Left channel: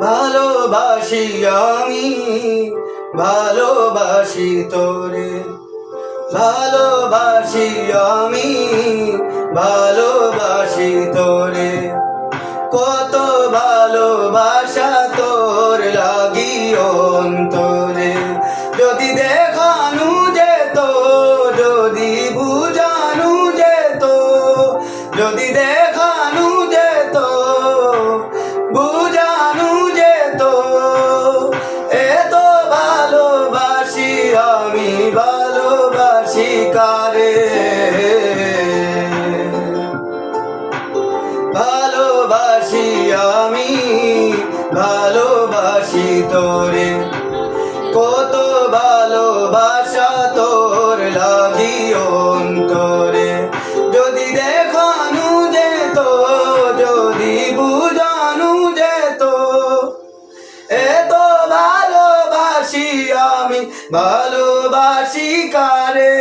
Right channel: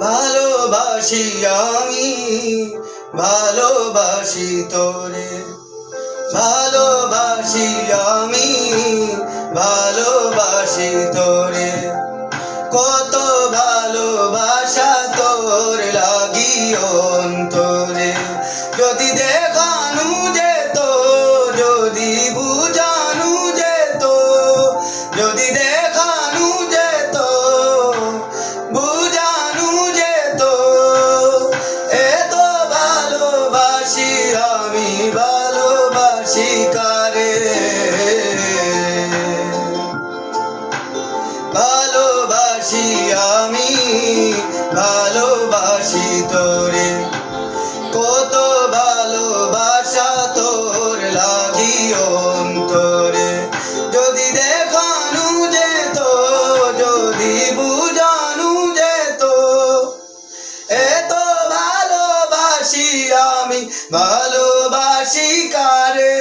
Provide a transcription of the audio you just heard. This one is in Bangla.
ভালোবাসি আমি, ভালোবাসি তোরে, ভালোবাসি আমি, ভালোবাসি তোরে। কত ভালোবাসা তোর লাগি অন্তরে, যদি দেখানু যেত, যদি বুঝানু যেত, যদি দেখানু যেত, বুঝানু যেত, এত ভালোবাসি আমি, ভালোবাসি কারে। ভালোবাসি আমি, ভালোবাসি তোরে। কত ভালোবাসা তোর লাগি অন্তরে, যদি দেখানু যেত, যদি বুঝানু যেত, এত ভালোবাসি আমি, ভালোবাসি কারে।